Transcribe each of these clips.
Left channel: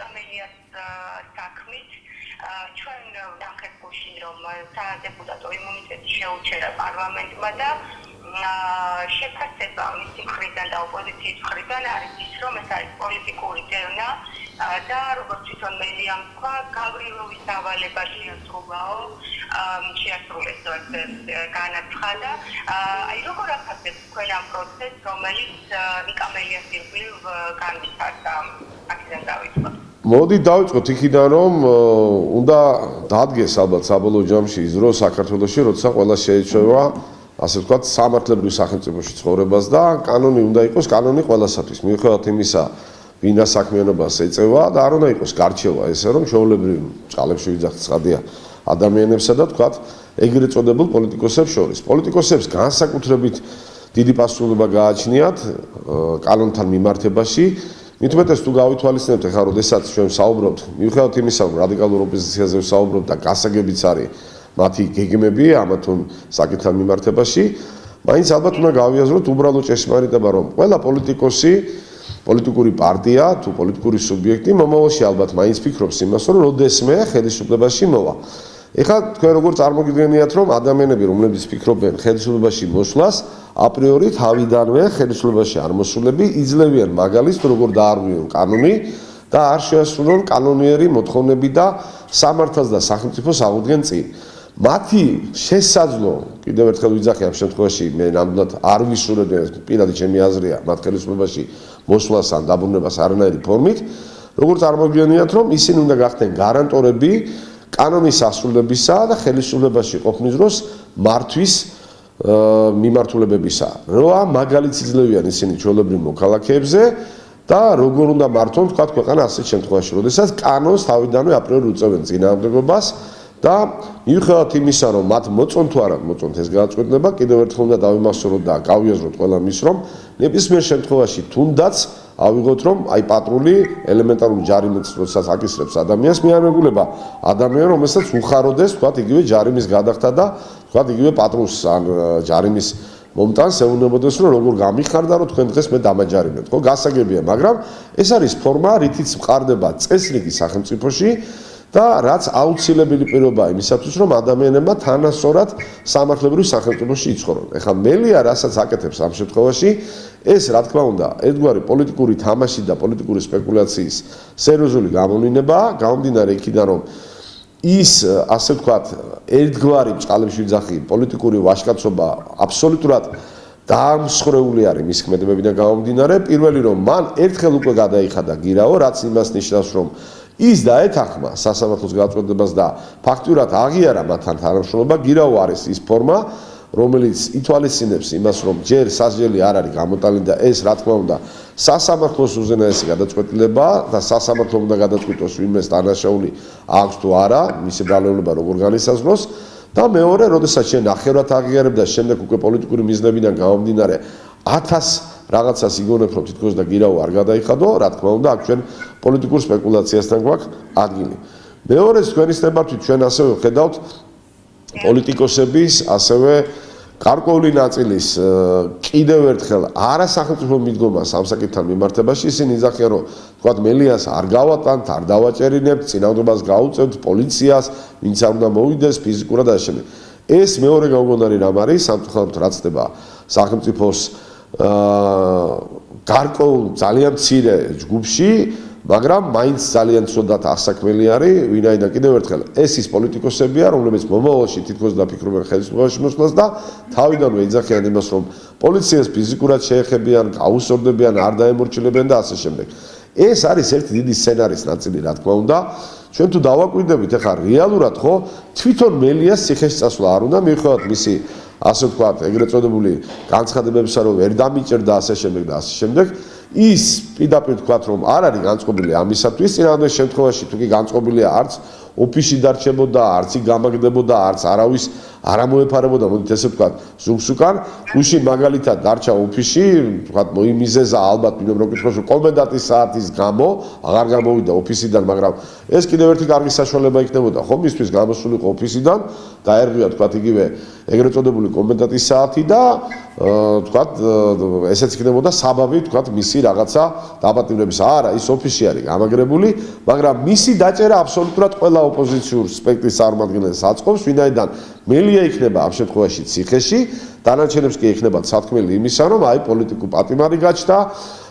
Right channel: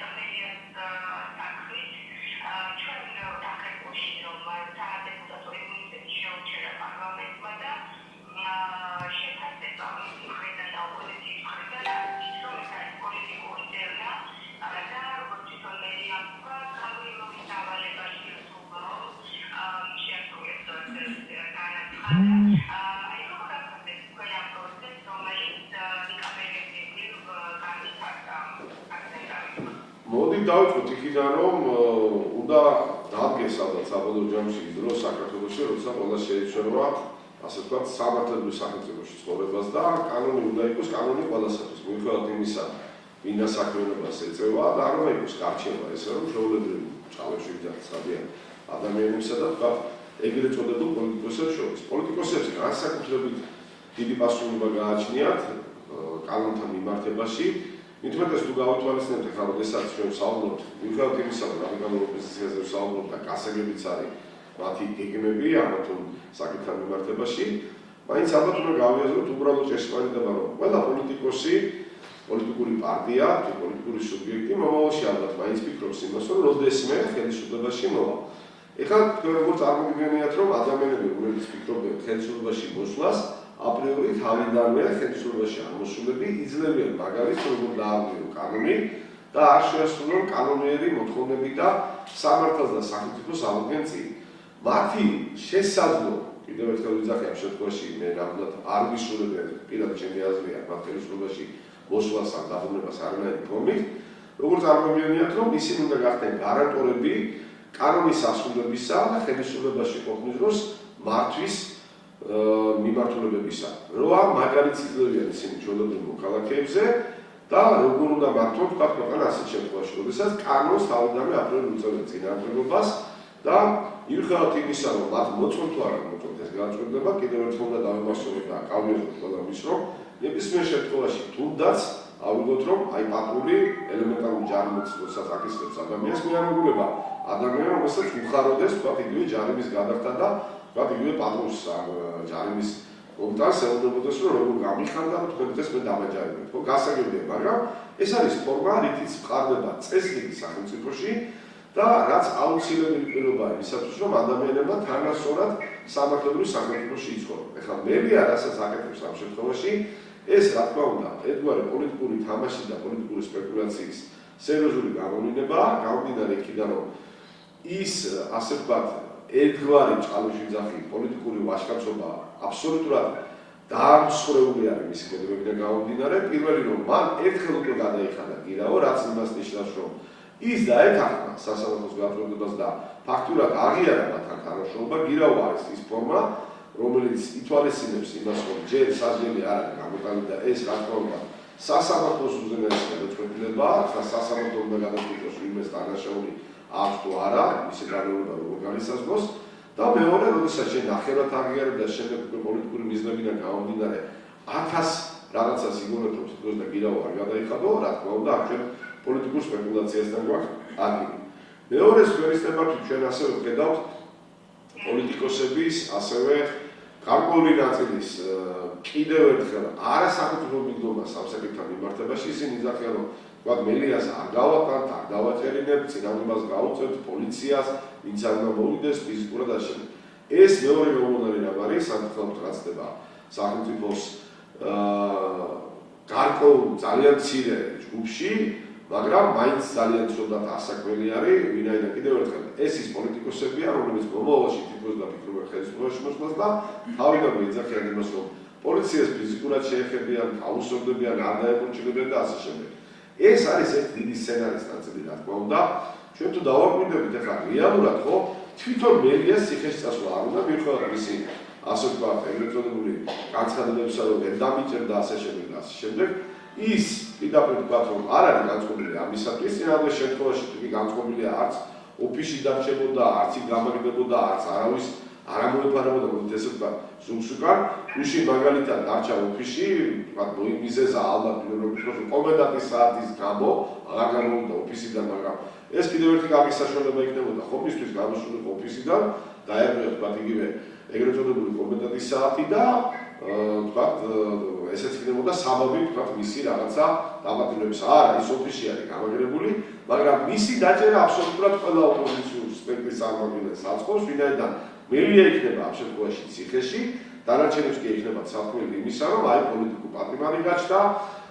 კამელიას საქმით ჩვენ დახერხულში რომ სადეპუტატო იმუნიტეტი შეუჩერა პარლამენტმა და შეფასება მისი მხრიდან და ოპოზიციის მხრიდან არის ის, რომ ეს არის პოლიტიკური დევნა და როგორც თვითონ მელიამ თქვა, გავრილოვის დავალება შეასრულეს განაცხადა. აი როგორ ახსენებთ თქვენ ამ პროცესს, რომელიც კამელიას ირგვლივ განვითარდა? აქედან დავიწყოთ. მოდი დავიწყოთ იქიდან, რომ უნდა დადგეს ალბათ საბოლოო ჯამში ის დრო საქართველოში, როცა ყველა შეეჩვევა ასე ვთქვათ, სამართლებრივ სახელმწიფოში ცხოვრებას და კანონი უნდა იყოს კანონი ყველასათვის. მიუხედავად იმისა, ვინა საქმიანობას ეწევა და არ უნდა იყოს გარჩევა ესე, რომ ჩვეულებრივ ჭალებში ვიძახთ ცხადია ადამიანებსა და ვთქვათ, ეგრეთ წოდებულ პოლიტიკოსებს შორის. პოლიტიკოსებს განსაკუთრებით დიდი პასუხისმგებლობა გააჩნიათ კანონთან მიმართებაში. მით უმეტეს თუ გავითვალისწინებთ ახლა როდესაც ჩვენ ვსაუბრობთ, მიუხედავად იმისა, რომ რადიკალურ ოპოზიციაზე ვსაუბრობთ და გასაგებიც არის მათი გეგმები ამა თუ საკითხთან მიმართებაში, მაინც ალბათ უნდა გავიაზროთ უბრალო ჭეშმარიტება, რომ ყველა პოლიტიკოსი, პოლიტიკური პარტია თუ პოლიტიკური სუბიექტი მომავალში ალბათ მაინც ფიქრობს იმას, რომ როდესმე ხელისუფლებაში მოვა. ეხლა თქვენ როგორ წარმოგიდგენიათ, რომ ადამიანები, რომლებიც ფიქრობენ ხელისუფლებაში მოსვლას, აპრიორი თავიდანვე ხელისუფლებაში არ მოსულები იძლევიან მაგალითს, როგორ დაარღვიონ კანონი და არ შეასრულონ კანონიერი მოთხოვნები და სამართალს და სახელმწიფოს აღუდგენ წინ. მათი შესაძლო, კიდევ ერთხელ ვიძახი ამ შემთხვევაში მე ნამდვილად არ ვისურვებ, პირადი ჩემი აზრია, მათ ხელისუფლებაში მოსვლას ან დაბრუნებას არანაირი ფორმით, როგორ წარმოგიდგენიათ, რომ ისინი უნდა გახდნენ გარანტორები კანონის ასრულებისა და ხელისუფლებაში ყოფნის დროს მართვის მიმართულებებისა. რა მაგალითს იძლევიან ისინი ჩვეულებრივ მოქალაქეებზე და როგორ უნდა მართონ თქვათ ქვეყანა ასეთ შემთხვევაში, როდესაც კანონს თავიდანვე აპრიორი უწევენ წინააღმდეგობას და მიუხედავად იმისა, რომ მათ მოწონ თუ არა მოწონთ ეს გადაწყვეტილება, კიდევ ერთხელ უნდა დავიმახსოვროთ და გავიაზროთ ყველა მის, რომ ნებისმიერ შემთხვევაში თუნდაც ავიღოთ, რომ აი პატრული ელემენტარული ჯარიმიც როდესაც აკისრებს ადამიანს, მე არ მეგულება ადამიანი, რომელსაც უხაროდეს, თქვათ, იგივე ჯარიმის გადახდა და თქვათ, იგივე პატრულს ან ჯარიმის მომტანს ეუბნებოდეს, რომ როგორ გამიხარდა, რომ თქვენ დღეს მე დამაჯარიმებთ, ხო? გასაგებია, მაგრამ ეს არის ფორმა, რითიც მყარდება წესრიგი სახელმწიფოში და რაც აუცილებელი პირობაა იმისათვის, რომ ადამიანებმა თანასწორად სამართლებრივ სახელმწიფოში იცხოვრონ. ეხლა მელია რასაც აკეთებს ამ შემთხვევაში, ეს რა თქმა უნდა, ერთგვარი პოლიტიკური თამაში და პოლიტიკური სპეკულაციის სერიოზული გამომდინებაა, გამომდინარე იქიდან, რომ ის ასე ვთქვათ, ერთგვარი ჭყალებში ვიძახი პოლიტიკური ვაჟკაცობა აბსოლუტურად დაამსხვრეული არის მის ქმედებებიდან გამომდინარე. პირველი რომ მან ერთხელ უკვე გადაიხადა გირაო, რაც იმას ნიშნავს, რომ ის დაეთანხმა სასამართლოს გადაწყვეტილებას და ფაქტურად აღიარა მათთან თანამშრომლობა. გირაო არის ის ფორმა, რომელიც ითვალისწინებს იმას, რომ ჯერ სასჯელი არ არის გამოტანილი და ეს რა თქმა უნდა სასამართლოს უზენაესი გადაწყვეტილებაა და სასამართლო უნდა გადაწყვიტოს ვინმეს დანაშაული აქვს თუ არა, მისი ბრალეულობა როგორ განისაზღვროს და მეორე, როდესაც შენ ნახევრად აღიარებ და შემდეგ უკვე პოლიტიკური მიზნებიდან გამომდინარე 1000 რაღაცას იგონებ, რომ თითქოს და გირაო არ გადაიხადო, რა თქმა უნდა, აქ ჩვენ პოლიტიკურ სპეკულაციასთან გვაქვს ადგილი. მეორე თქვენი სტემართვით ჩვენ ასევე ვხედავთ პოლიტიკოსების ასევე გარკვეული ნაწილის კიდევ ერთხელ არასახელმწიფო მიდგომას ამ საკითხთან მიმართებაში ისინი იძახიან, რომ თქვათ მელიას არ გავატანთ, არ დავაჭერინებთ, წინააღმდეგობას გაუწევთ პოლიციას, ვინც არ უნდა მოვიდეს ფიზიკურად და ასე. ეს მეორე გამოგონარი რამ არის, სამწუხაროდ რაც ხდება სახელმწიფოს გარკვეულ ძალიან მცირე ჯგუფში, მაგრამ მაინც ძალიან ცუდად ასაქმელი არის, ვინაიდან კიდევ ერთხელ ეს ის პოლიტიკოსებია, რომლებიც მომავალში თითქოს დაფიქრობენ ხელისუფლებაში მოსვლას და თავიდანვე იძახიან იმას, რომ პოლიციას ფიზიკურად შეეხებიან, გაუსწორდებიან, არ დაემორჩილებიან და ასე შემდეგ. ეს არის ერთი დიდი სცენარის ნაწილი, რა თქმა უნდა. ჩვენ თუ დავაკვირდებით, ახლა რეალურად ხო თვითონ მელიას ციხეში წასვლა არ უნდა, მიუხედავად მისი ასე ვთქვათ, ეგრეთ წოდებული განცხადებებისა, რომ ვერ დამიჭერდა ასე შემდეგ და ასე შემდეგ. ის პირდაპირ ვთქვათ, რომ არ არის განწყობილი ამისათვის, წინააღმდეგ შემთხვევაში თუ კი განწყობილია არც ოფისში დარჩებოდა, არც იქ გამაგდებოდა, არც არავის არ ამოეფარებოდა, მოდით ესე ვთქვათ, ზუგს უკან, გუშინ მაგალითად დარჩა ოფისში, ვთქვათ, მოიმიზეზა ალბათ მინდობ რომ გითხრას, რომ კომენდანტის საათის გამო აღარ გამოვიდა ოფისიდან, მაგრამ ეს კიდევ ერთი კარგი საშუალება იქნებოდა, ხო, მისთვის გამოსულიყო ოფისიდან, დაერღვია, ვთქვათ, იგივე ეგრეთ წოდებული კომენდანტის საათი და ვთქვათ, ესეც იქნებოდა საბაბი, ვთქვათ, მისი რაღაცა დაპატიმრების. არა, ის ოფისში არის გამაგრებული, მაგრამ მისი დაჭერა აბსოლუტურად ყველა ოპოზიციურ სპექტრის წარმომადგენელს აწყობს, ვინაიდან მელია იქნება ამ შემთხვევაში ციხეში, დანარჩენებს კი ექნება სათქმელი იმისა, რომ აი პოლიტიკურ პატიმარი გაჩნდა,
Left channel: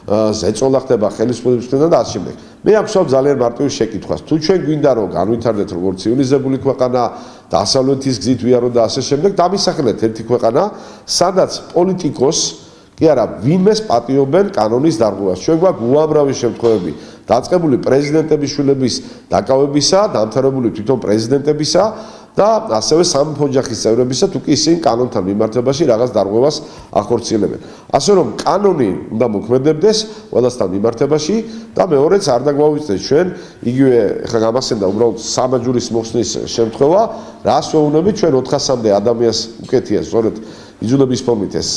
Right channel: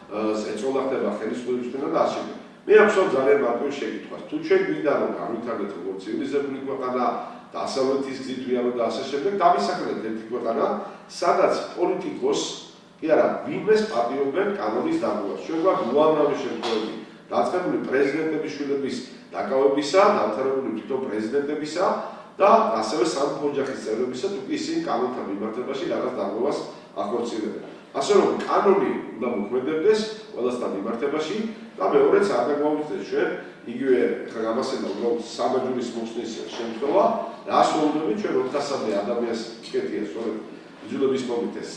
ზეწოლა ხდება ხელისუფლების მხრიდან და ასე შემდეგ. მე ახსოვს ძალიან მარტივი შეკითხვას. თუ ჩვენ გვინდა რომ განვითარდეთ როგორც ცივილიზებული ქვეყანა, დასავლეთის გზით ვიაროთ და ასე შემდეგ, დამისახელეთ ერთი ქვეყანა, სადაც პოლიტიკოს კი არა, ვინმეს პატიობენ კანონის დარღვევას. ჩვენ გვაქვს უამრავი შემთხვევები დაწყებული პრეზიდენტების შვილების დაკავებისა, დამთავრებული თვითონ პრეზიდენტებისა და ასევე სამეფო ოჯახის წევრებისა, თუ კი ისინი კანონთან მიმართებაში რაღაც დარღვევას ახორციელებენ. ასე რომ კანონი უნდა მოქმედებდეს ყველასთან მიმართებაში და მეორეც არ დაგვაუვიწყდეს ჩვენ იგივე ხა გამახსენდა უბრალოდ სამაჯურის მოხსნის შემთხვევა, რას ვეუბნებით ჩვენ 400-მდე ადამიანს უკეთია სწორედ იძულების ფორმით ეს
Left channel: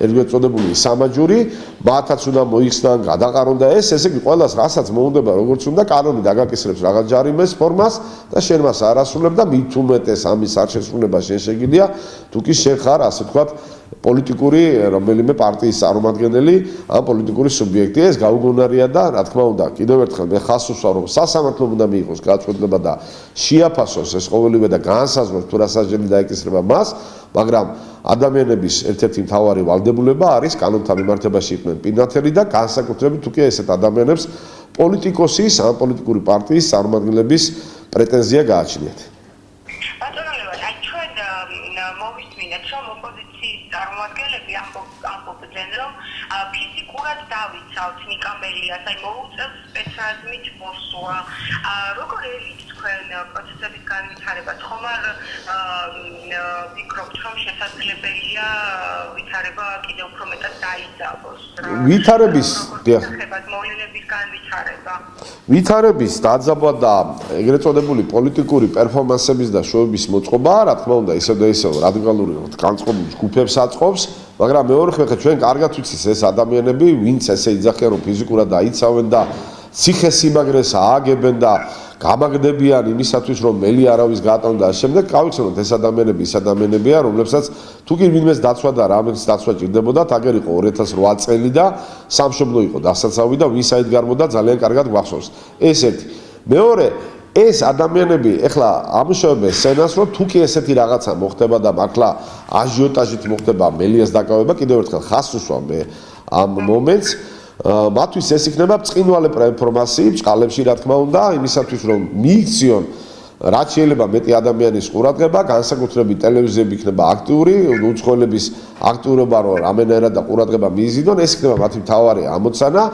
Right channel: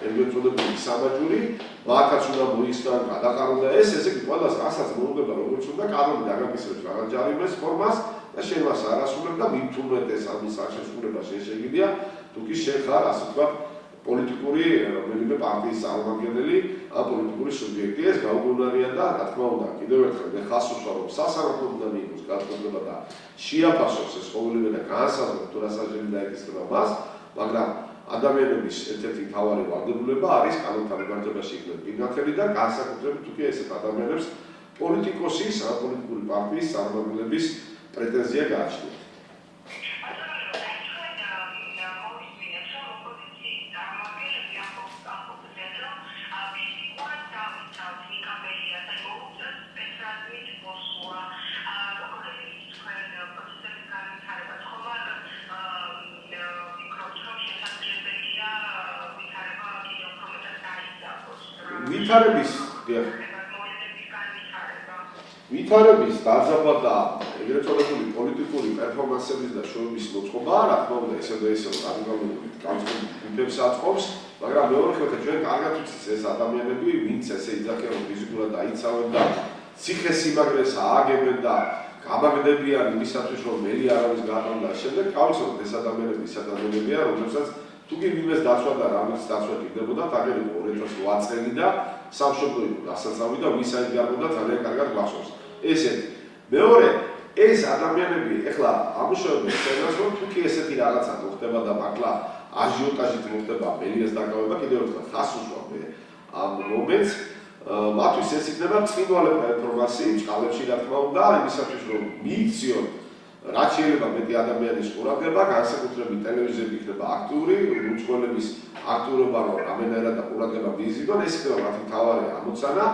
ეგრეთ წოდებული სამაჯური, მათაც უნდა მოიხსნან, გადაყარონ და ესე იგი ყველას რასაც მოუნდება როგორც უნდა კანონი დაგაკისრებს რაღაც ჯარიმეს ფორმას და შენ მას არ ასრულებ და მით უმეტეს ამის არჩევსრულება შენ შეგიძლია, თუ კი შენ ხარ ასე ვთქვათ პოლიტიკური რომელიმე პარტიის წარმომადგენელი ან პოლიტიკური სუბიექტი, ეს გაუგონარია და რა თქმა უნდა კიდევ ერთხელ მე ხას უსვარ რომ სასამართლომ უნდა მიიღოს გადაწყვეტილება და შეაფასოს ეს ყოველივე და განსაზღვროს თუ რა სასჯელი დაეკისრება მას, მაგრამ ადამიანების ერთ-ერთი მთავარი ვალდებულება არის კანონთან მიმართებაში იყვნენ პირნათელი და განსაკუთრებით თუ კი ესეთ ადამიანებს პოლიტიკოსის ან პოლიტიკური პარტიის წარმომადგენლების პრეტენზია გააჩნიათ. როგორ ელის თქვენ პროცესების განვითარება? ხომ არ ვფიქრობთ, რომ შესაძლებელია ვითარება კიდევ უფრო მეტად დაიძაბოს? ვითარების, დიახ. მოვლენების განვითარება. ვითარების დაძაბვა და ეგრეთ წოდებული პოლიტიკური პერფორმანსების და შოუების მოწყობა, რა თქმა უნდა, ისევ და ისევ რადიკალური განწყობილ ჯგუფებს აწყობს, მაგრამ მეორე ხერხი ჩვენ კარგად ვიცით ეს ადამიანები, ვინც ესე იძახიან, რომ ფიზიკურად დაიცავენ და ციხესიმაგრეს ააგებენ და გამაგდებიან იმისათვის, რომ მელი არავის გაატარონ და შემდეგ გავიცნოთ ეს ადამიანები ის ადამიანებია, რომლებსაც თუ კი ვინმეს დაცვა და რამეს დაცვა ჭირდებოდა, აგერ იყო 2008 წელი და სამშობლო იყო დასაცავი და ვინ საერთგარბოდა ძალიან კარგად გვახსოვს. ესეთი. მეორე, ეს ადამიანები ეხლა ამუშავებენ სცენას, რომ თუ კი ესეთი რაღაცა მოხდება და მართლა აჟიოტაჟით მოხდება მელიას დაკავება, კიდევ ერთხელ ხას უსვამ მე ამ მომენტს მათთვის ეს იქნება ბრწყინვალე ინფორმაცია ბჭყალებში რა თქმა უნდა იმისათვის რომ მიიქციონ რაც შეიძლება მეტი ადამიანის ყურადღება განსაკუთრებით ტელევიზიები იქნება აქტიური უცხოელების აქტიურობა რომ რამენერად და ყურადღება მიიზიდონ ეს იქნება მათი მთავარი ამოცანა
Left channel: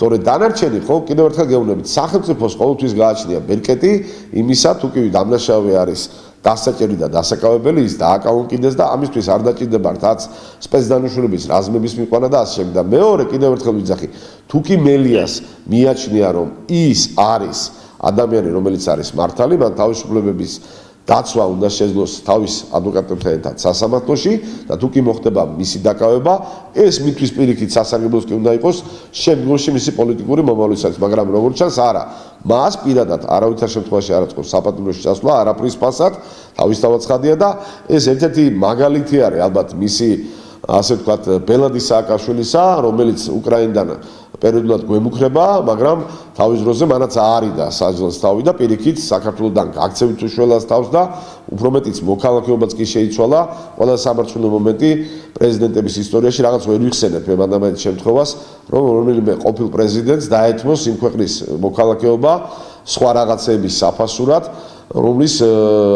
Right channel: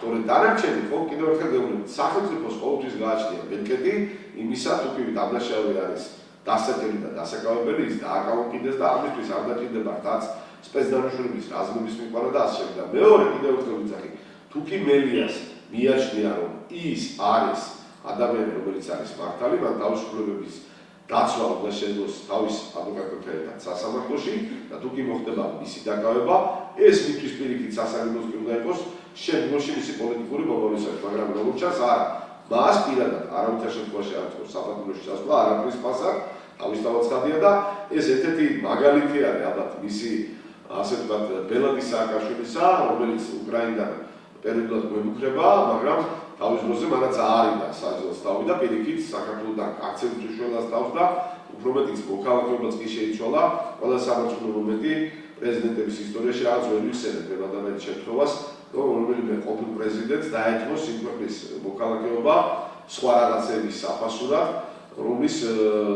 თორე დანარჩენი ხო კიდევ ერთხელ გეუბნებით სახელმწიფოს ყოველთვის გააჩნია ბერკეტი იმისა თუ კი დამნაშავე არის დასაჭერი და დასაკავებელი ის დააკავონკიდეს და ამისთვის არ დაჭირდება რაც სპეცდანუშულების რაზმების მიყვანა და ასე შემდეგ და მეორე კიდევ ერთხელ ვიძახი თუ კი მელიას მიაჩნია რომ ის არის ადამიანი რომელიც არის მართალი მან თავისუფლებების დაცვა უნდა შეძლოს თავის ადვოკატებთან ერთად სასამართლოში და თუ კი მოხდება მისი დაკავება ეს მისთვის პირიქით სასარგებლოს კი უნდა იყოს შემდგომში მისი პოლიტიკური მომავლისათვის მაგრამ როგორც ჩანს არა მას პირადად არავითარ შემთხვევაში არ აწყობს საპატიმროში წასვლა არაფრის ფასად თავისთავად ცხადია და ეს ერთ-ერთი მაგალითი არის ალბათ მისი ასე ვთქვათ ბელადი სააკაშვილისა რომელიც უკრაინიდან პერიოდულად გვემუქრება მაგრამ თავის დროზე მანაც აარიდა საჯელს თავი და პირიქით საქართველოსთან გაქცევით უშველას თავს და უფრო მეტიც მოქალაქეობაც კი შეიცვალა ყველა სამართლო მომენტი პრეზიდენტების ისტორიაში რაღაც ვერ ვიხსენებ მე მანდ შემთხვევას რომ რომელიმე ყოფილ პრეზიდენტს დაეთმოს იმ ქვეყნის მოქალაქეობა სხვა რაღაცების საფასურად რომლის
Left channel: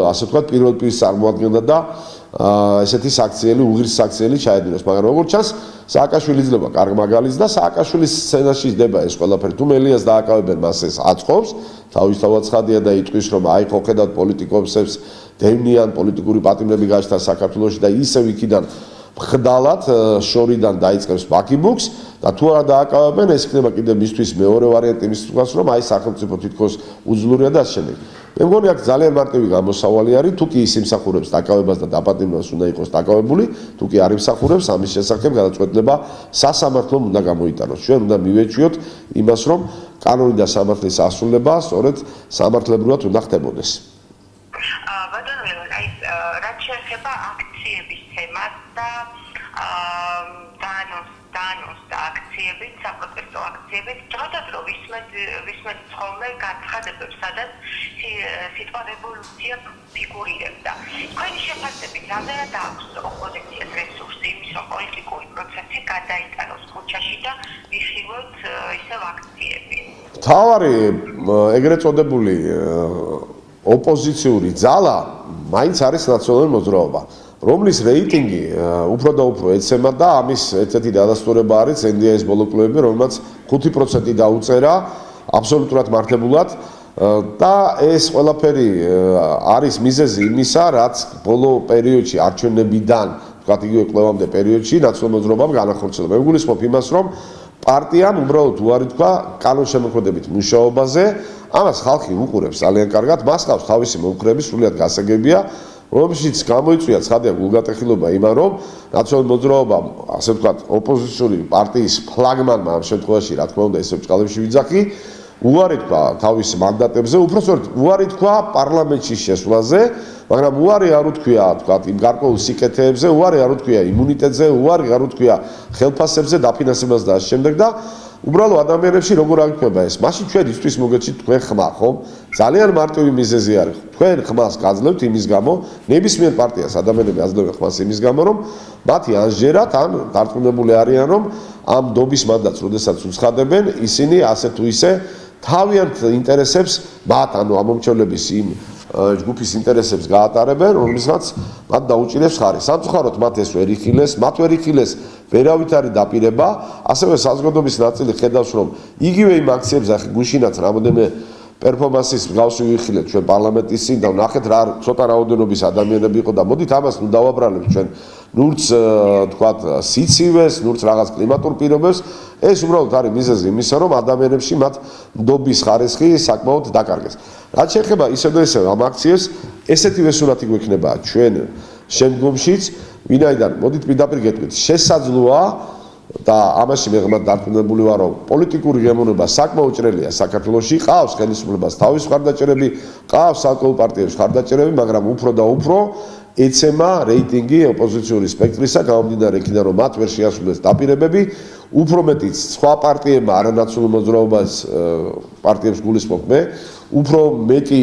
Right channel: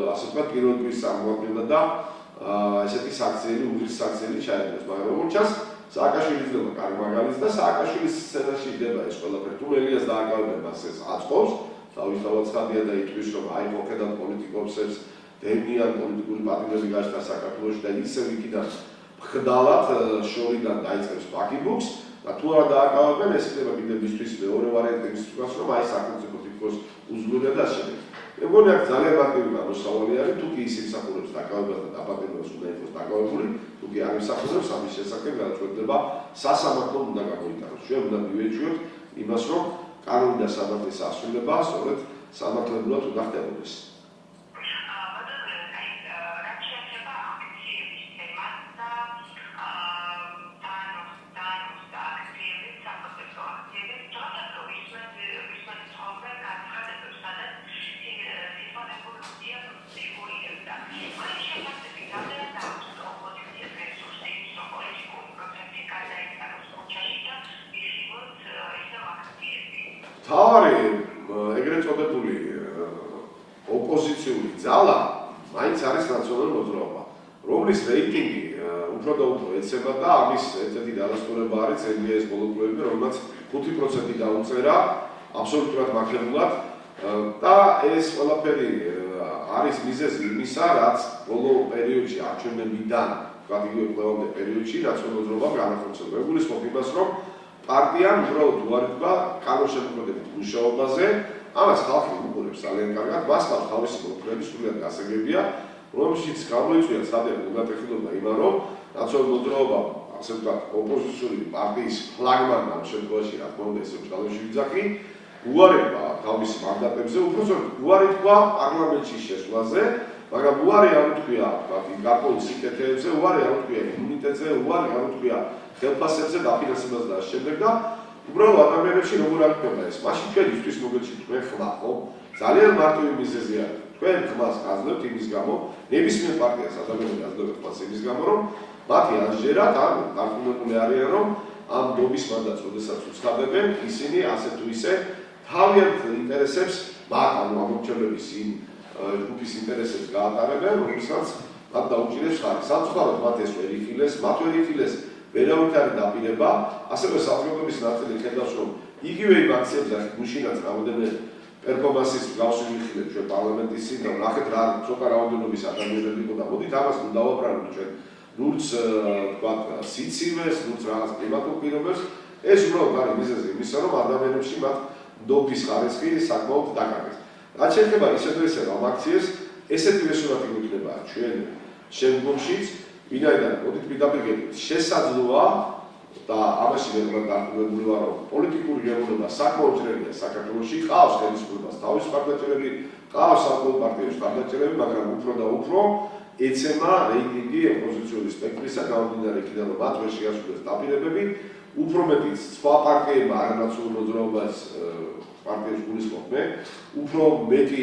ასე ვთქვათ პირველ პირს წარმოადგენდა და ესეთი საქციელი უღირს საქციელი ჩაედინოს მაგრამ როგორც ჩანს სააკაშვილი ძლება კარგ მაგალითს და სააკაშვილის სცენაში ხდება ეს ყველაფერი თუ მელიას დააკავებენ მას ეს აწყობს თავისთავად ცხადია და იტყვის რომ აი ხო ხედავთ პოლიტიკოსებს დევნიან პოლიტიკური პატიმრები გაჩნდა საქართველოში და ისევ იქიდან ხდალად შორიდან დაიწყებს ბაკიბუქს და თუ არ დააკავებენ ეს იქნება კიდე მისთვის მეორე ვარიანტი იმის თქოს რომ აი სახელმწიფო თითქოს უძლურია და ასე შემდეგ მე მგონი აქ ძალიან მარტივი გამოსავალი არის, თუ კი ის იმსახურებს დაკავებას და დაპატიმრებას უნდა იყოს დაკავებული, თუ კი არ იმსახურებს, ამის შესახებ გადაწყვეტილება სასამართლომ უნდა გამოიტანოს. ჩვენ უნდა მივეჩვიოთ იმას, რომ კანონი და სამართლის ასრულება სწორედ სამართლებრივად უნდა ხდებოდეს. რაც შეეხება აქციების თემას და დანოს და აქციებით, საპროტესტო აქციებით, ჭროდათ რომ ვისმენთ ხოლმე განცხადებებს, სადაც სიტყვა რევოლუცია ფიგურირებდა. თქვენი შეფასებით, რამდენად აქვს ოპოზიციას რესურსი იმის, რომ პოლიტიკური პროცესი გადაიტანოს ქუჩაში და ვიხილოთ ისევ აქციები? მთავარი ეგრეთ წოდებული ოპოზიციური ძალა მაინც არის ნაციონალური მოძრაობა, რომლის რეიტინგი უფრო და უფრო ეცემა და ამის ერთ-ერთი დადასტურება არის NDI-ის ბოლო კვლევები, რომელმაც 5% დაუწერა აბსოლუტურად მართებულად და ეს ყველაფერი არის მიზეზი იმისა, რაც ბოლო პერიოდში არჩევნებიდან, ვთქვათ იგივე კვლევამდე პერიოდში ნაციონალურ მოძრაობამ განახორციელა. მე ვგულისხმობ იმას, რომ პარტიამ უბრალოდ უარი თქვა კანონშემოქმედებით მუშაობაზე, ამას ხალხი უყურებს ძალიან კარგად, მას ყავს თავისი მომხრეები, სრულიად გასაგებია, რომელშიც გამოიწვია ცხადია გულგატეხილება იმან, რომ ნაციონალური მოძრაობამ, ასე ვთქვათ, ოპოზიციური პარტიის ფლაგმანმა ამ შემთხვევაში, რა თქმა უნდა, ესევ ჭყალებში ვიძახი, უარი თქვა თავის მანდატებზე, უпростоრად უარი თქვა პარლამენტში შესვლაზე, მაგრამ უარი არ უთქვია, ვთქვათ, იმ გარკვეულ სიკეთეებზე, უარი არ უთქვია იმუნიტეტზე, უარი არ უთქვია ხელფასებზე, დაფინანსებას და ამ შემდეგ და უბრალოდ ადამიანებში როგორ აღიქმება ეს? მაშინ ჩვენ ისთვის მოგეჩით თქვენ ხმა, ხო? ძალიან მარტივი მიზეზი არის. თქვენ ხმას გაძლევთ იმის გამო, ნებისმიერ პარტიას ადამიანები აძლევენ ხმას იმის გამო, რომ მათი ანჟერათ ან დარწმუნებული არიან, რომ ამ დობის მანდატს, როდესაც უცხადებენ, ისინი ასე თუ ისე თავიანთ ინტერესებს, მათ ანუ ამომრჩევლების იმ ჯგუფის ინტერესებს გაატარებენ, რომლისგანაც მათ დაუჭირეს ხარი. სამწუხაროდ მათ ეს ვერ იხილეს, მათ ვერ იხილეს ვერავით არის დაპირება, ასევე საზოგადოების ნაწილი ხედავს, რომ იგივე იმ აქციებზე ახლა გუშინაც რამოდენმე პერფორმანსის მსგავსი ვიხილეთ ჩვენ პარლამენტის წინ და ნახეთ რა ცოტა რაოდენობის ადამიანები იყო და მოდით ამას ნუ დავაბრალოთ ჩვენ ნურც თქვათ სიცივეს, ნურც რაღაც კლიმატურ პირობებს, ეს უბრალოდ არის მიზეზი იმისა, რომ ადამიანებში მათ ნდობის ხარისხი საკმაოდ დაკარგეს. რაც შეეხება ისე და ისე ამ აქციებს, ესეთივე სურათი გვექნება ჩვენ შემდგომშიც, ვინაიდან მოდით პირდაპირ გეტყვით, შესაძლოა და ამაში მე ღმრთ დარწმუნებული ვარ, რომ პოლიტიკური გემოვნება საკმაოდ ჭრელია საქართველოში, ყავს ხელისუფლებას თავის მხარდაჭერები, ყავს ალკოჰოლ პარტიებს მხარდაჭერები, მაგრამ უფრო და უფრო ეცემა რეიტინგი ოპოზიციური სპექტრისა, გამომდინარე იქიდან, რომ მათ ვერ შეასრულეს დაპირებები, უფრო მეტიც სხვა პარტიებმა არანაციონალურ მოძრაობას პარტიებს გულისხმობ მე, უფრო მეტი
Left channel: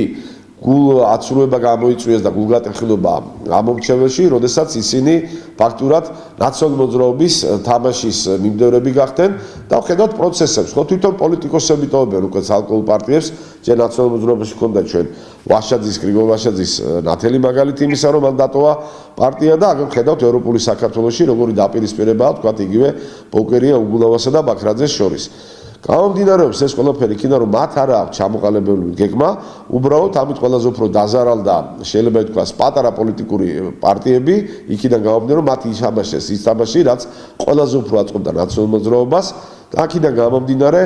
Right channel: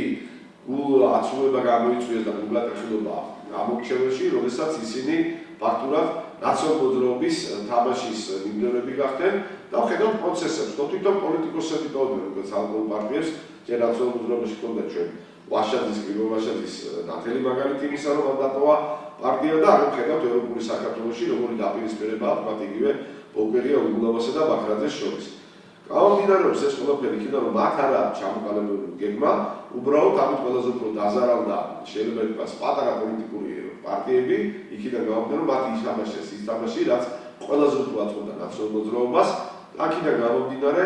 აცრუება გამოიწვიეს და გულგატეხილება ამომრჩეველში, როდესაც ისინი ფაქტურად ნაციონალური მოძრაობის თამაშის მიმდევრები გახდნენ და ხედავთ პროცესებს. ხო თვითონ პოლიტიკოსები ტოვებენ უკვე ალკოჰოლ პარტიებს, ჯერ ნაციონალურ მოძრაობაში ქონდა ჩვენ ვაშაძის, გრიგოლ ვაშაძის ნათელი მაგალითი იმისა, რომ მან დატოვა პარტია და აღარ ხედავთ ევროპული საქართველოში როგორი დაპირისპირებაა, თქვათ იგივე ბოკერია, უგულავასა და ბაქრაძეს შორის. გამომდინარეობს ეს ყველაფერი იქიდან, რომ მათ არ აქვს ჩამოყალიბებული გეგმა, უბრალოდ ამით ყველაზე უფრო დაზარალდა, შეიძლება ითქვას, პატარა პოლიტიკური პარტიები, იქიდან გამომდინარე, რომ მათი იშაბაშეს ის თამაში, რაც ყველაზე უფრო აწყობდა ნაციონალურ მოძრაობას და აქედან გამომდინარე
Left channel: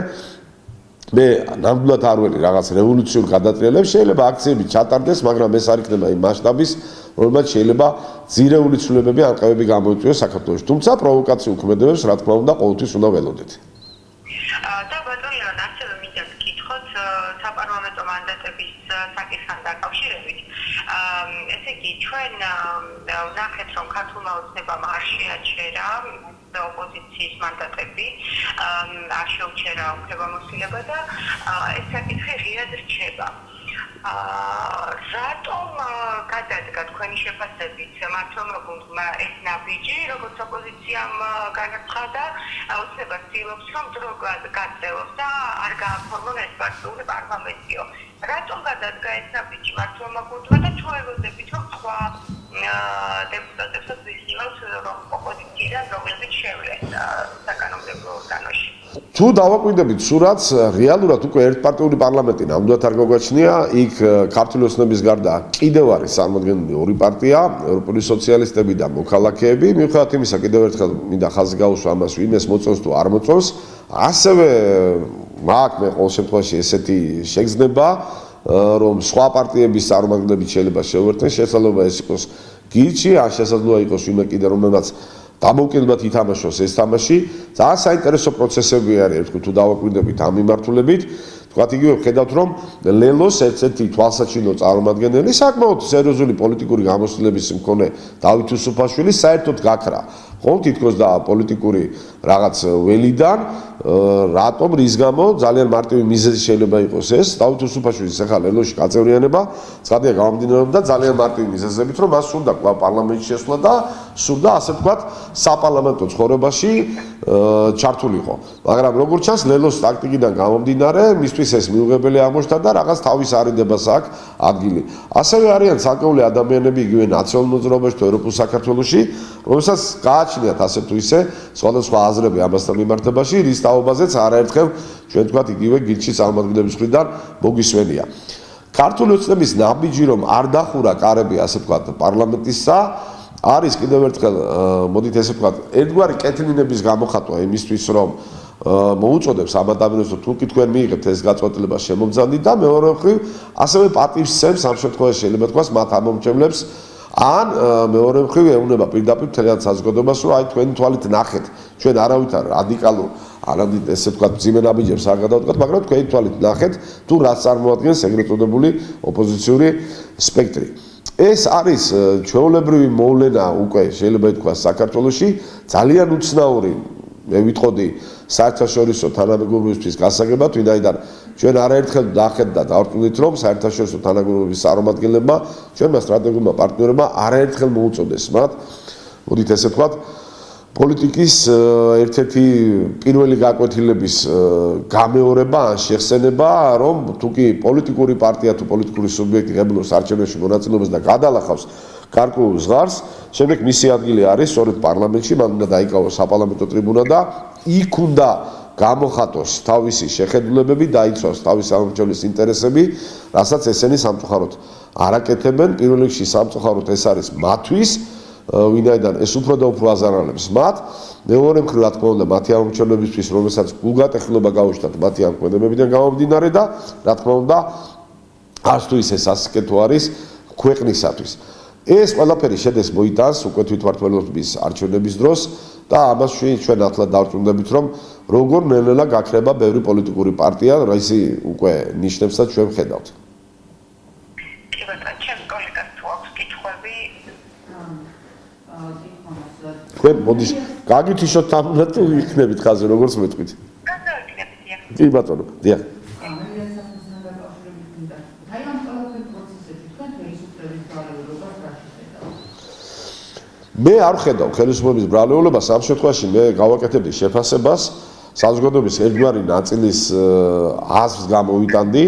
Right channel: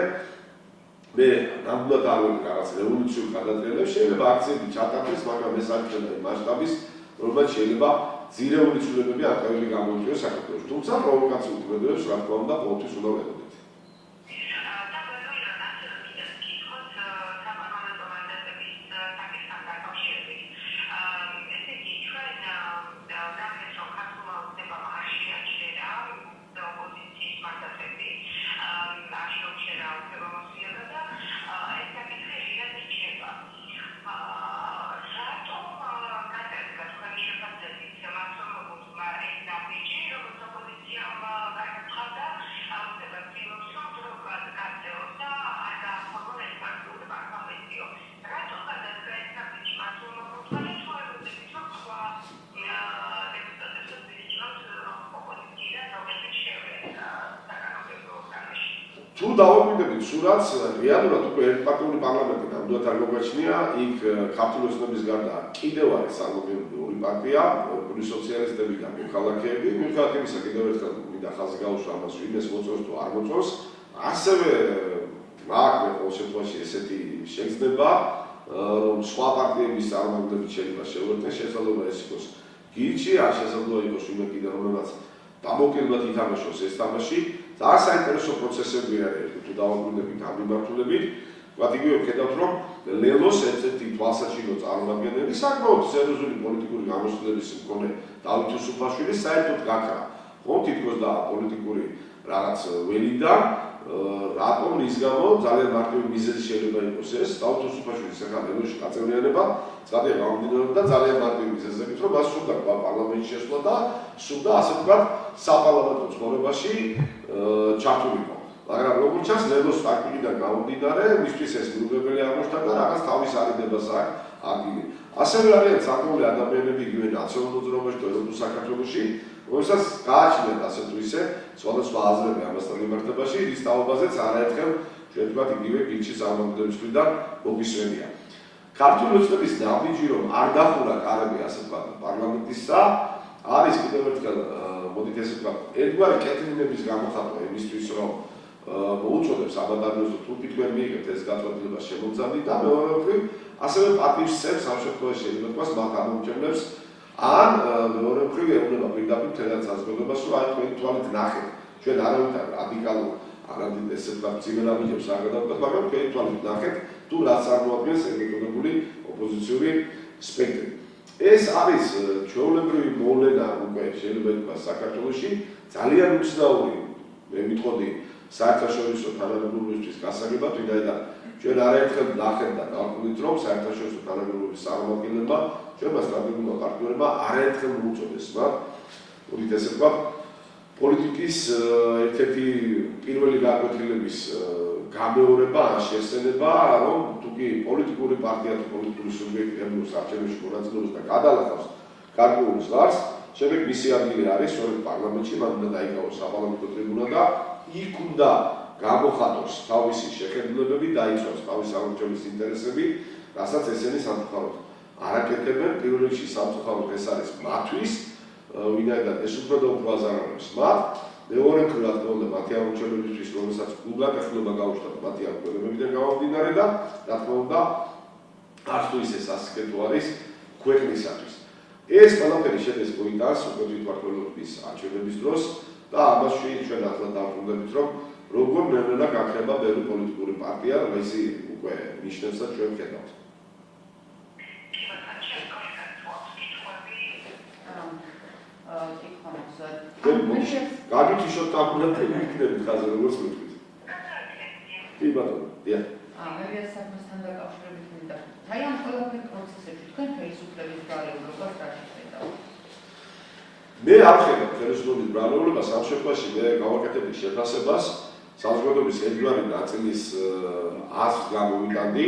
მე ნამდვილად არ ველი რაღაც რევოლუციურ გადატრიალებს, შეიძლება აქციები ჩატარდეს, მაგრამ ეს არ იქნება იმ მასშტაბის, რომელმაც შეიძლება ძირეული ცვლილებები ანკავები გამოიწვიოს საქართველოში. თუმცა პროვოკაციულ ქმედებებს, რა თქმა უნდა, ყოველთვის უნდა ველოდეთ. ვნახეთ, რომ ქართულმა ოცნებამ არ შეაჩერა ოპოზიციის მანდატები, არ შეუჩერა უფლებამოსილება და ეს საკითხი ღიად რჩება. რატომ გადადგა თქვენი შეფასებით მართლობა გუნდმა ეს ნაბიჯი, როგორც ოპოზიციამ განაცხადა, ოცნება ცდილობს, რომ დრო გაწევოს და არ გააფორმონ ეს პარტიული პარლამენტიო. რატომ გადადგა ეს ნაბიჯი მართლობა გუნდმა და თუ ელოდებით, რომ სხვა დეპუტატებსაც ვიხილავთ, რომ ოპოზიციიდან რომლებიც შევლენ საკანონმდებლო ორგანოში. თუ დავაკვირდებით სურათს, რეალურად უკვე ერთპარტიული პარლამენტი ნამდვილად არ გაგვაჩნია, იქ ქართული ოცნების გარდა კიდევ არის წარმოდგენილი ორი პარტია, ევროპული სოციალისტები და მოქალაქეები. მიუხედავად იმისა, კიდევ ერთხელ მინდა ხაზი გაუსვა ამას, ვინ ეს მოწონს თუ არ მოწონს, ასევე მაქვს მე ყოველ შემთხვევაში ესეთი შეგრძნება, რომ სხვა პარტიების წარმომადგენლები შეიძლება შეუერთდნენ, შესაძლოა ეს იყოს გილჩი, ან შესაძლოა იყოს ვინმე კიდე რომელმაც დამოუკიდებლად ითამაშოს ეს თამაში. ძალიან საინტერესო პროცესები არის, ერთხელ თუ დავაკვირდებით ამ მიმართულებით. თქვათ იგივე ვხედავთ რომ ლელოს ერთ-ერთი თვალსაჩინო წარმომადგენელი საკმაოდ სერიოზული პოლიტიკური გამოცდილების მქონე დავით უსუფაშვილი საერთოდ გაქრა ხო თითქოს და პოლიტიკური რაღაც ველიდან რატომ რის გამო ძალიან მარტივი მიზეზი შეიძლება იყოს ეს დავით უსუფაშვილის ახლა ლელოში გაწევრიანება ცხადია გამომდინარეობდა ძალიან მარტივი მიზეზებით რომ მას სურდა კვლავ პარლამენტში შესვლა და სურდა ასე ვთქვათ საპარლამენტო ცხოვრებაში ჩართულიყო მაგრამ როგორც ჩანს ლელოს ტაქტიკიდან გამომდინარე მისთვის ეს მიუღებელი აღმოჩნდა და რაღაც თავის არიდებას აქვს ადგილი ასევე არიან საკმაოდ ადამიანები იგივე ნაციონალურ მოძრაობაში თუ ევროპულ საქართველოში რომელსაც გააჩნიათ ასე თუ ისე სხვადასხვა აზრები ამასთან მიმართებაში რის თაობაზეც არაერთხელ ჩვენ თქვათ იგივე გილჩის წარმომადგენლების მხრიდან მოგისმენია ქართული ოცნების ნაბიჯი რომ არ დახურა კარები ასე ვთქვათ პარლამენტისა არის კიდევ ერთხელ მოდით ესე ვთქვათ ერთგვარი კეთილინების გამოხატვა იმისთვის რომ მოუწოდებს ამ ადამიანებს თუ კი თქვენ მიიღებთ ეს გაწყვეტილება შემოგზავნით და მეორე მხრივ ასევე პატივს სცემს ამ შემთხვევაში შეიძლება თქვას მათ ამომრჩევლებს ან მეორე მხრივ ეუბნება პირდაპირ თელად საზოგადოებას რომ აი თქვენი თვალით ნახეთ ჩვენ არავით არ რადიკალურ არამედ ესე ვთქვათ ძიმე ნაბიჯებს არ გადავდგათ მაგრამ თქვენი თვალით ნახეთ თუ რაც წარმოადგენს ეგრეთ წოდებული ოპოზიციური სპექტრი ეს არის ჩვეულებრივი მოვლენა უკვე შეიძლება ითქვას საქართველოში ძალიან უცნაური მე ვიტყოდი საერთაშორისო თანამეგობრობისთვის გასაგებად ვინაიდან ჩვენ არაერთხელ ნახეთ და დავტყუდით რომ საერთაშორისო თანამეგობრობის წარმომადგენლებმა ჩვენმა სტრატეგიულმა პარტნიორებმა არაერთხელ მოუწოდეს მათ მოდით ესე ვთქვათ პოლიტიკის ერთ-ერთი პირველი გაკვეთილების გამეორება ან შეხსენება რომ თუკი პოლიტიკური პარტია თუ პოლიტიკური სუბიექტი ღებულობს არჩევნებში მონაწილეობას და გადალახავს ქართულ ზღარს შემდეგ მისი ადგილი არის სწორედ პარლამენტში მან უნდა დაიკავოს საპარლამენტო ტრიბუნა და იქ უნდა გამოხატოს თავისი შეხედულებები დაიცვას თავისი სამომრჩევლის ინტერესები რასაც ესენი სამწუხაროდ არაკეთებენ პირველ რიგში სამწუხაროდ ეს არის მათთვის ვინაიდან ეს უფრო და უფრო აზარალებს მათ მეორე მხრივ რა თქმა უნდა მათი ამომრჩევლებისთვის რომელსაც გულგატეხილება გაუჩნდათ მათი ამ ქმედებებიდან გამომდინარე და რა თქმა უნდა არც თუ ის სასიკეთო არის ქვეყნისათვის ეს ყველაფერი შედეს მოიტანს უკვე თვითმმართველობის არჩევნების დროს და ამაში ჩვენ ახლა დავწუნდებით რომ როგორ ნელ-ნელა გაქრება ბევრი პოლიტიკური პარტია რისი უკვე ნიშნებსაც ჩვენ ვხედავთ კი ბატონო ჩემ კოლეგას თუ აქვს კითხვები თქვენ მოდის გაგითიშოთ თამნა თუ იქნებით ხაზე როგორც მეტყვით კი ბატონო დიახ მე არ ხედავ ხელისუფლების ბრალეულობას ამ შემთხვევაში მე გავაკეთებდი შეფასებას საზოგადოების ერთგვარი ნაწილის აზრს გამოვიტანდი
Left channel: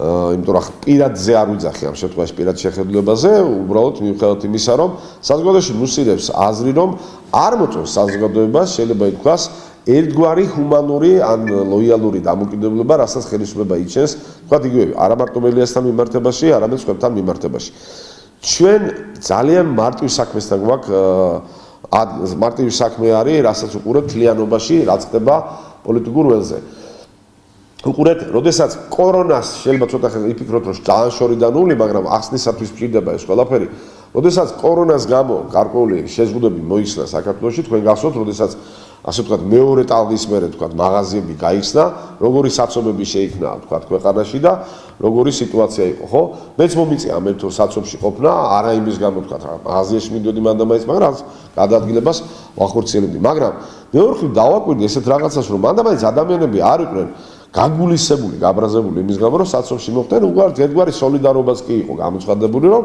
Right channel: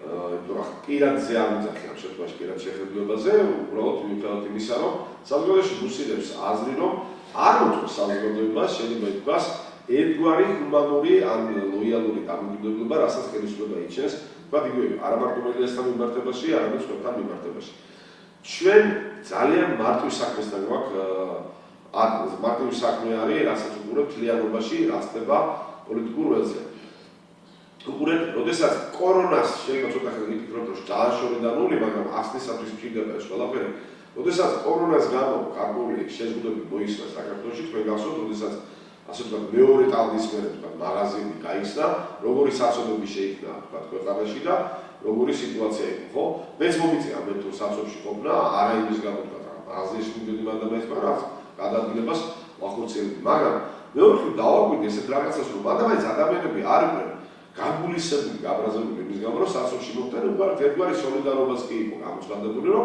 იმიტომ რომ პირადზე არ ვიძახი ამ შემთხვევაში პირად შეხედულებაზე უბრალოდ მიუხედავად იმისა რომ საზოგადოებაში მუსირებს აზრი რომ არ მოწონს საზოგადოებას შეიძლება ითქვას ერთგვარი ჰუმანური ან ლოიალური დამოკიდებულება რასაც ხელისუფლება იჩენს თქვათ იგივე არა მარტო მელიასთან მიმართებაში არამედ სხვებთან მიმართებაში ჩვენ ძალიან მარტივ საქმესთან გვაქვს მარტივი საქმე არის რასაც უყურებთ თლიანობაში რაც ხდება პოლიტიკურ ველზე უყურეთ როდესაც კორონას შეიძლება ცოტა ხელი იფიქროთ რომ ძალიან შორიდანული მაგრამ ახსნისათვის მჭირდება ეს ყველაფერი როდესაც კორონას გამო გარკვეული შეზღუდვები მოიხსნა საქართველოში თქვენ გახსოვთ როდესაც ასე ვთქვათ მეორე ტალღის მერე ვთქვათ მაღაზიები გაიხსნა როგორი საცობები შეიქმნა ვთქვათ ქვეყანაში და როგორი სიტუაცია იყო ხო მეც მომიწია ამ ერთო საცობში ყოფნა არა იმის გამო ვთქვათ მაღაზიაში მიდიოდი მანდ ამაიც მაგრამ გადაადგილებას ვახორციელებდი მაგრამ მეორე მხრივ დავაკვირდი ესეთ რაღაცას რომ მანდ ამაიც ადამიანები არ იყვნენ გაგულისებული გაბრაზებული იმის გამო რომ საცობში მოხდნენ ერთგვარი სოლიდარობაც კი იყო გამოცხადებული რომ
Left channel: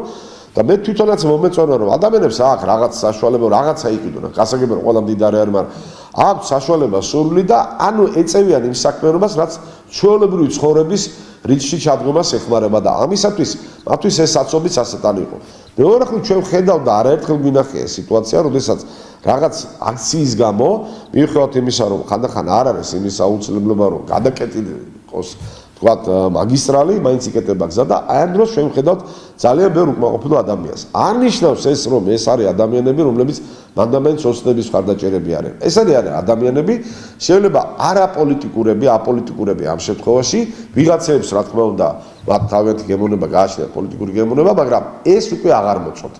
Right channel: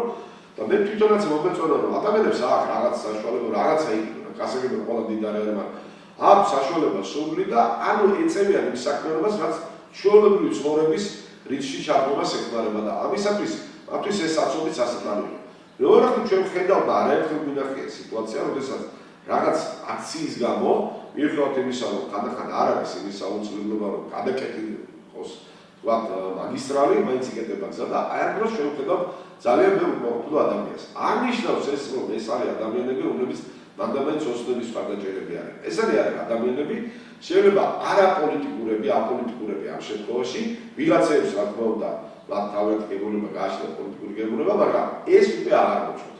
და მე თვითონაც მომეწონა რომ ადამიანებს აქვს რაღაც საშუალება რაღაცა იყიდონ გასაგებია რომ ყველა მდიდარი არის მაგრამ აქვს საშუალება სურვილი და ანუ ეწევიან იმ საქმიანობას რაც ჩვეულებრივი ცხოვრების რიცხვში ჩადგომას ეხმარება და ამისათვის მათთვის ეს საცობიც ასეთანი იყო მეორე მხრივ ჩვენ ვხედავ და არაერთხელ გვინახია სიტუაცია როდესაც რაღაც აქციის გამო მიუხედავად იმისა რომ ხანდახან არ არის იმის აუცილებლობა რომ გადაკეტილიყოს თქვათ მაგისტრალი მაინც იკეტება გზა და აი ამ დროს ჩვენ ვხედავთ ძალიან ბევრ უკმაყოფილო ადამიანს. არ ნიშნავს ეს რომ ეს არის ადამიანები რომლებიც მანდამენტს ოცნების მხარდაჭერები არიან. ეს არიან ადამიანები, შეიძლება არაპოლიტიკურები, აპოლიტიკურები ამ შემთხვევაში ვიღაცებს რა თქმა უნდა, მათ თავიანთი გემოვნება გააჩნიათ პოლიტიკური გემოვნება, მაგრამ ეს უკვე აღარ მოწონთ.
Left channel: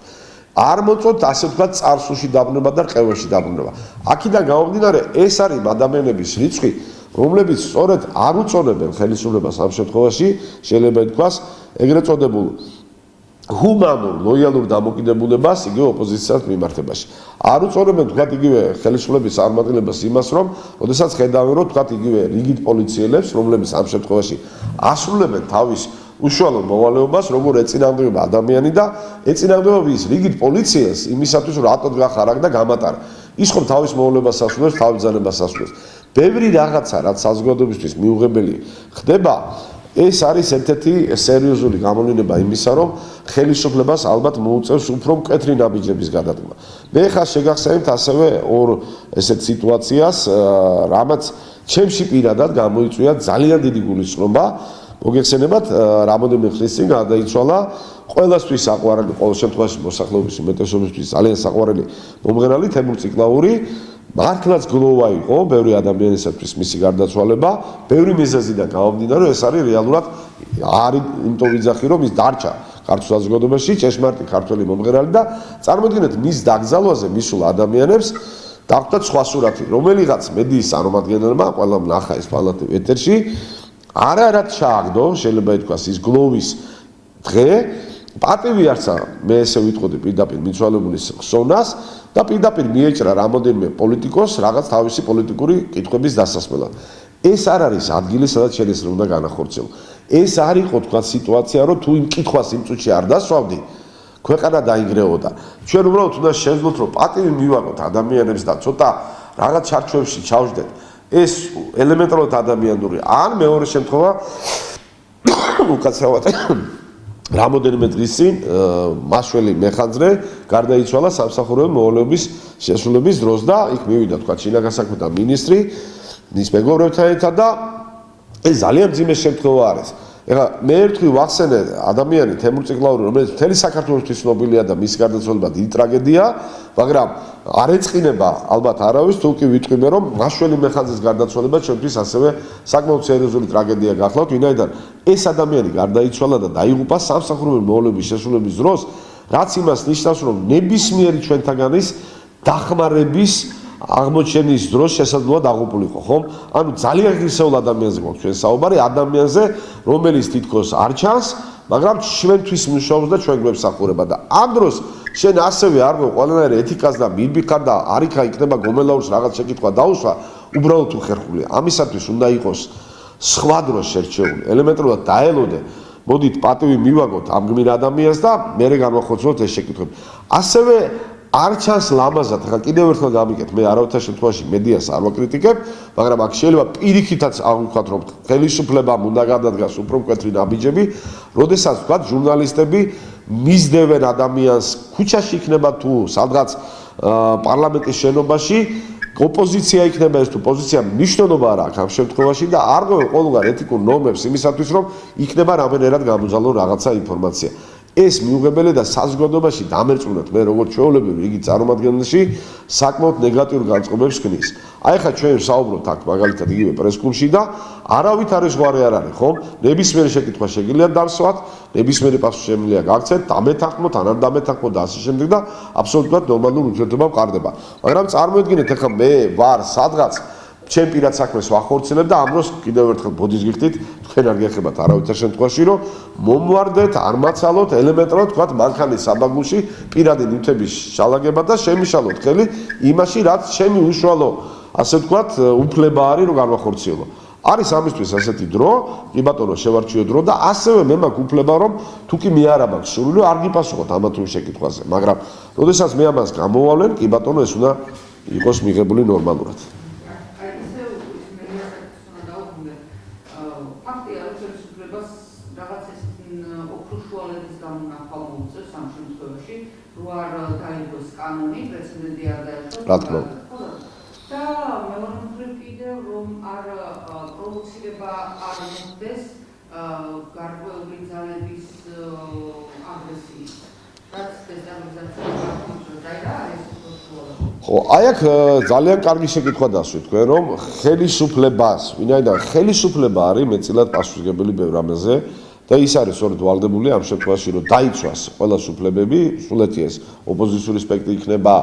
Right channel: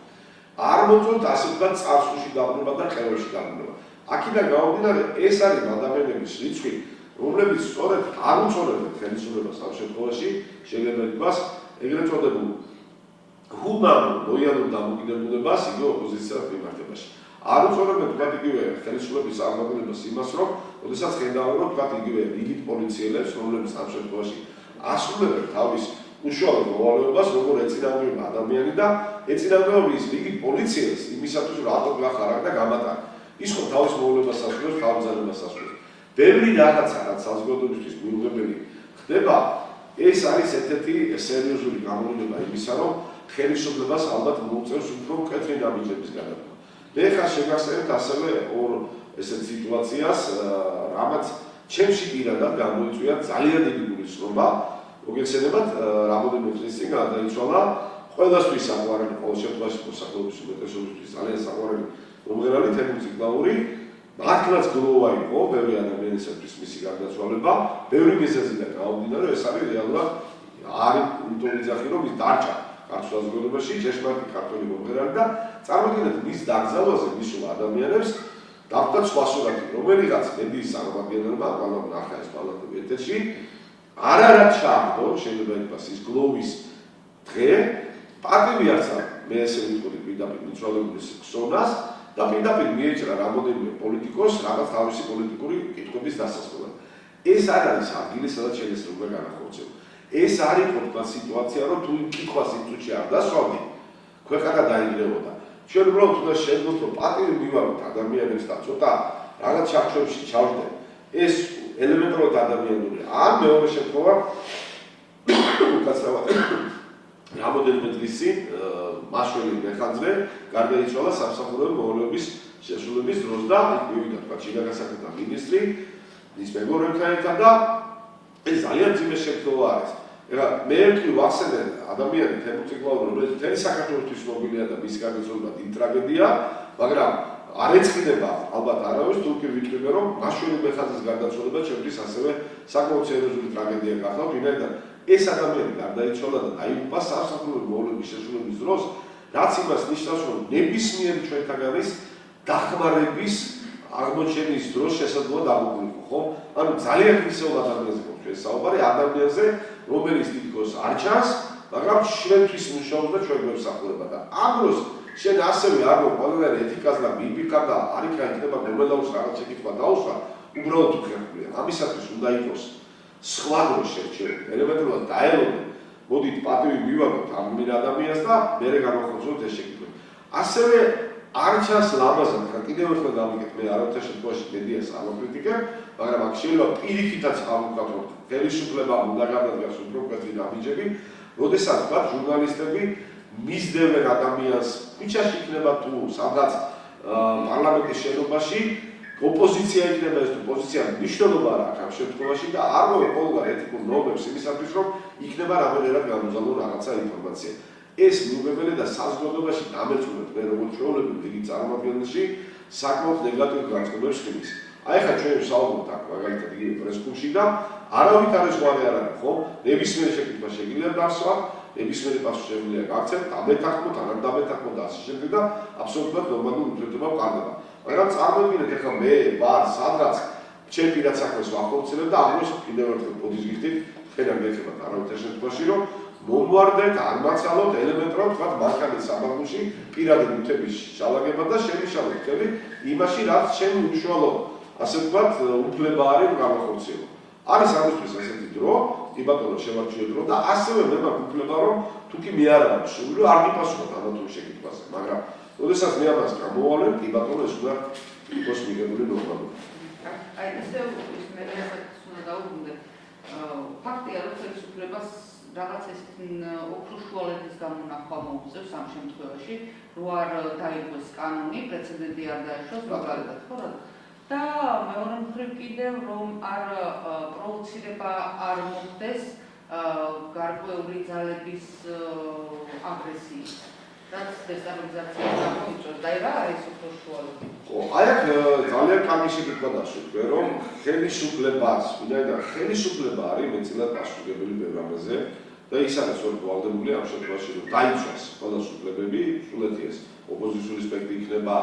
არ მოწონთ ასე ვთქვათ წარსულში დაბრუნება და ყევებში დაბრუნება. აქედან გამომდინარე, ეს არის ადამიანების რიცხვი, რომლებიც სწორედ არ უწონებენ ხელისუფლებას ამ შემთხვევაში, შეიძლება ითქვას, ეგრეთ წოდებულ ჰუმანურ, ლოიალურ დამოკიდებულებას იგივე ოპოზიციას მიმართებაში. არ უწონებენ თქვათ იგივე ხელისუფლების წარმატებას იმას, რომ ოდესაც ხედავენ, რომ თქვათ იგივე რიგით პოლიციელებს, რომლებიც ამ შემთხვევაში ასრულებენ თავის უშუალო მოვალეობას, როგორ ეწინააღმდეგება ადამიანი და ეწინააღმდეგება ის რიგით პოლიციას იმისათვის, რომ რატომ გახარაგ და გამატარა. ის ხომ თავის მოვალეობას ასრულებს, თავის ძალებას ასრულებს. ბევრი რაღაცა, რაც საზოგადოებისთვის მიუღებელი ხდება, ეს არის ერთ-ერთი სერიოზული გამოვლენა იმისა, რომ ხელისუფლებას ალბათ მოუწევს უფრო მკვეთრი ნაბიჯების გადადგმა. მე ხარ შეგახსენებთ ასევე ორ ესეთ სიტუაციას, რამაც ჩემში პირადად გამოიწვია ძალიან დიდი გულისხმობა. მოგეხსენებათ, რამოდენიმე ხნის წინ გადაიცვალა ყველასთვის საყვარელი, ყოველ შემთხვევაში მოსახლეობის უმეტესობისთვის ძალიან საყვარელი მომღერალი თემურ ციკლაური. მართლაც გლოვა იყო ბევრი ადამიანისათვის მისი გარდაცვალება, ბევრი მიზეზიდან გამომდინარე, ეს არის რეალურად არის იმიტომ ვიძახი, რომ ის დარჩა ქართულ საზოგადოებაში ჭეშმარიტი ქართველი მომღერალი და წარმოიდგინეთ მის დაკრძალვაზე მისულ ადამიანებს დახვდათ სხვა სურათი, რომელიღაც მედიის წარმომადგენელმა, ყველა ნახა ეს პალატები ეთერში, არაც ჩააგდო, შეიძლება ითქვას ის გლოვის დღე, პატივი არც არა, მე ესე ვიტყოდი პირდაპირ მიცვალებულის ხსოვნას და პირდაპირ მიეჭრა რამოდენიმე პოლიტიკოს რაღაც თავისი პოლიტიკური კითხვების დასასრულად. ეს არ არის ადგილი, სადაც შენ ეს უნდა განახორციელო. ეს არ იყო თქვა სიტუაცია, რომ თუ იმ კითხვას იმ წუთში არ დასვავდი, ქვეყანა დაინგრეოდა. ჩვენ უბრალოდ უნდა შევძლოთ, რომ პატივი მივაღოთ ადამიანებს და ცოტა რაღაც ჩარჩოებში ჩავждეთ. ეს ელემენტარულად ადამიანური. ან მეორე შემთხვევა უკაცრავად რამოდენიმე დღის წინ მაშველი მეხანძრე გარდაიცვალა სამსახურეობრივი მოვალეობის შესრულების დროს და იქ მივიდა თქვა შინაგანსაქმეთა მინისტრი მის მეგობრებთან ერთად და ეს ძალიან მძიმე შემთხვევა არის. ეხლა მე ერთხელ ვახსენე ადამიანი თემურ ციკლაური, რომელიც მთელი საქართველოსთვის ცნობილია და მის გარდაცვალება დიდი ტრაგედია, მაგრამ არ ეწყინება ალბათ არავის, თუ კი ვიტყვიმე, რომ მაშველი მეხანძრის გარდაცვალება ჩვენთვის ასევე საკმაოდ სერიოზული ტრაგედია გახლავთ, ვინაიდან ეს ადამიანი გარდაიცვალა და დაიღუპა სამსახურეობრივი მოვალეობის შესრულების დროს, რაც იმას ნიშნავს, რომ ნებისმიერი ჩვენთაგანის დახმარების აღმოჩენის დროს შესაძლოა დაღუპულიყო, ხო? ანუ ძალიან ღირსეულ ადამიანზე გვაქვს ჩვენ საუბარი, ადამიანზე, რომელიც თითქოს არ ჩანს, მაგრამ ჩვენთვის მუშაობს და ჩვენ გვემსახურება და ამ დროს შენ ასევე არ ყველანაირი ეთიკას და მიბიხარ და არიქა იქნება გომელაურს რაღაც შეკითხვა დაუსვა, უბრალოდ უხერხულია. ამისათვის უნდა იყოს სხვა დროს შერჩეული, ელემენტარულად დაელოდე, მოდით პატივი მივაგოთ ამ გმირ ადამიანს და მერე განვახორციელოთ ეს შეკითხვები. ასევე არ ჩანს ლამაზად, ხა კიდევ ერთხელ გამიგეთ, მე არავითარ შემთხვევაში მედიას არ ვაკრიტიკებ, მაგრამ აქ შეიძლება პირიქითაც ავუხოთ, რომ ხელისუფლებამ უნდა გადადგას უფრო მკვეთრი ნაბიჯები, როდესაც ვთქვათ, ჟურნალისტები მისდევენ ადამიანს ქუჩაში იქნება თუ სადღაც პარლამენტის შენობაში, ოპოზიცია იქნება ეს თუ პოზიცია მნიშვნელობა არ აქვს ამ შემთხვევაში და არ ყოფილ ყოველგვარ ეთიკურ ნორმებს იმისათვის, რომ იქნება რამენერად გამოძალონ რაღაცა ინფორმაცია. ეს მიუღებელი და საზოგადოებაში დამერწმუნდათ მე როგორც ჩვეულებრივი იგი წარმომადგენელში საკმაოდ ნეგატიურ განწყობებს ქნის. აი ხა ჩვენ ვსაუბრობთ აქ მაგალითად იგივე პრესკლუბში და არავით არის ზღვარი არ არის, ხო? ნებისმიერი შეკითხვა შეგიძლიათ დავსვათ, ნებისმიერი პასუხი შემიძლია გაგცეთ, დამეთანხმოთ, ან არ დამეთანხმოთ და ასე შემდეგ და აბსოლუტურად ნორმალურ ურთიერთობა მყარდება. მაგრამ წარმოიდგინეთ ახლა მე ვარ სადღაც ჩემ პირად საქმეს ვახორციელებ და ამ დროს კიდევ ერთხელ ბოდის გიხდით, თქვენ არ გეხებათ არავითარ შემთხვევაში, რომ მომვარდეთ, არ მაცალოთ, ელემენტარულად თქვათ მანქანის საბაგუში პირადი ნივთების შალაგება და შემიშალოთ ხელი იმაში, რაც ჩემი უშუალო, ასე ვთქვათ, უფლება არის, რომ გავახორციელო. არის ამისთვის ასეთი დრო, კი ბატონო, შევარჩიო დრო და ასევე მე მაქვს უფლება, რომ თუ კი მე არ მაქვს სურვილი, არ გიპასუხოთ ამა თუ იმ შეკითხვაზე, მაგრამ როდესაც მე ამას გამოვავლენ, კი ბატონო, ეს უნდა იყოს მიღებული ნორმალურად. არ დაიგოს კანონი, პრეცედენტი არ დაეშვა. რა თქმა უნდა. და მეორე მხრივ კიდევ რომ არ პროვოცირება არ მოხდეს გარკვეული ძალების აგრესიით. რაც დესტაბილიზაციას აღმოჩნდა აი რა არის უსულთუოდ? ხო, აი აქ ძალიან კარგი შეკითხვა დასვით თქვენ, რომ ხელისუფლებას, ვინაიდან ხელისუფლება არის მეტწილად პასუხისმგებელი ბევრ რამეზე და ის არის სწორედ ვალდებული ამ შემთხვევაში, რომ დაიცვას ყველა სუფლებები, სულეთი ეს ოპოზიციური სპექტრი იქნება,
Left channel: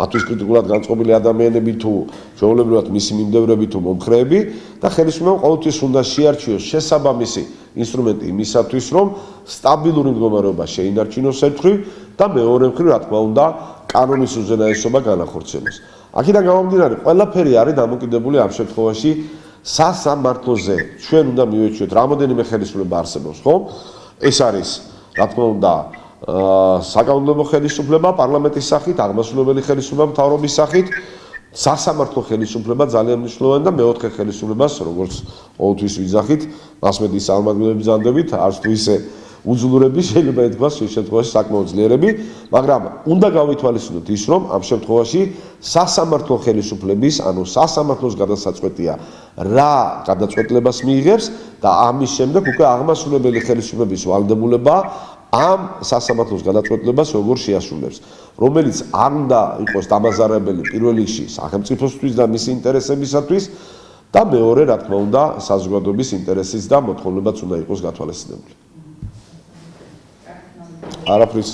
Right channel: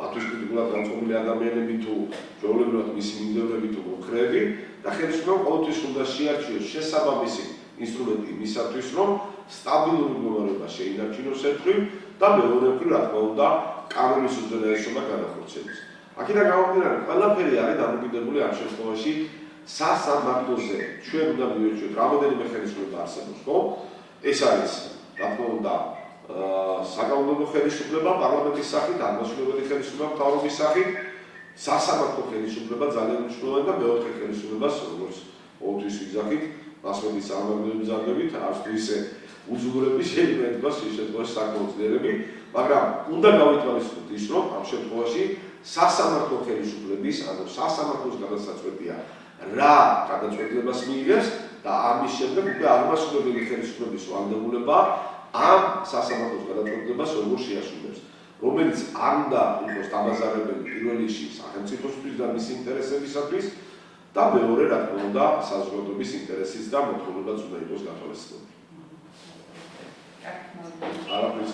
მათთვის კრიტიკულად განწყობილი ადამიანები თუ ჩვეულებრივად მისი მიმდევრები თუ მომხრეები და ხელისუფლებამ ყოველთვის უნდა შეარჩიოს შესაბამისი ინსტრუმენტი იმისათვის, რომ სტაბილური მდგომარეობა შეინარჩუნოს ერთგვარ და მეორე მხრივ, რა თქმა უნდა, კანონის უზენაესობა განახორციელოს. აქედან გამომდინარე, ყველაფერი არის დამოკიდებული ამ შემთხვევაში სასამართლოზე. ჩვენ უნდა მივეჩვიოთ, რამოდენიმე ხელისუფლება არსებობს, ხო? ეს არის, რა თქმა უნდა, საკანონმდებლო ხელისუფლება პარლამენტის სახით, აღმასრულებელი ხელისუფლება მთავრობის სახით, სასამართლო ხელისუფლება ძალიან მნიშვნელოვანი და მეოთხე ხელისუფლებას, როგორც ყოველთვის ვიძახით, მასმედიის წარმომადგენლების ბრძანდებით, არც თუ ისე უძლურები შეიძლება ითქვას ეს შემთხვევაში საკმაოდ ძლიერები, მაგრამ უნდა გავითვალისწინოთ ის, რომ ამ შემთხვევაში სასამართლო ხელისუფლების, ანუ სასამართლოს გადასაწყვეტია რა გადაწყვეტილებას მიიღებს და ამის შემდეგ უკვე აღმასრულებელი ხელისუფლების ვალდებულება ამ სასამართლოს გადაწყვეტილებას როგორ შეასრულებს, რომელიც არ უნდა იყოს დამაზარებელი პირველ რიგში სახელმწიფოსთვის და მისი ინტერესებისათვის და მეორე, რა თქმა უნდა, საზოგადოების ინტერესის და მოთხოვნებაც უნდა იყოს გათვალისწინებული. არაფრის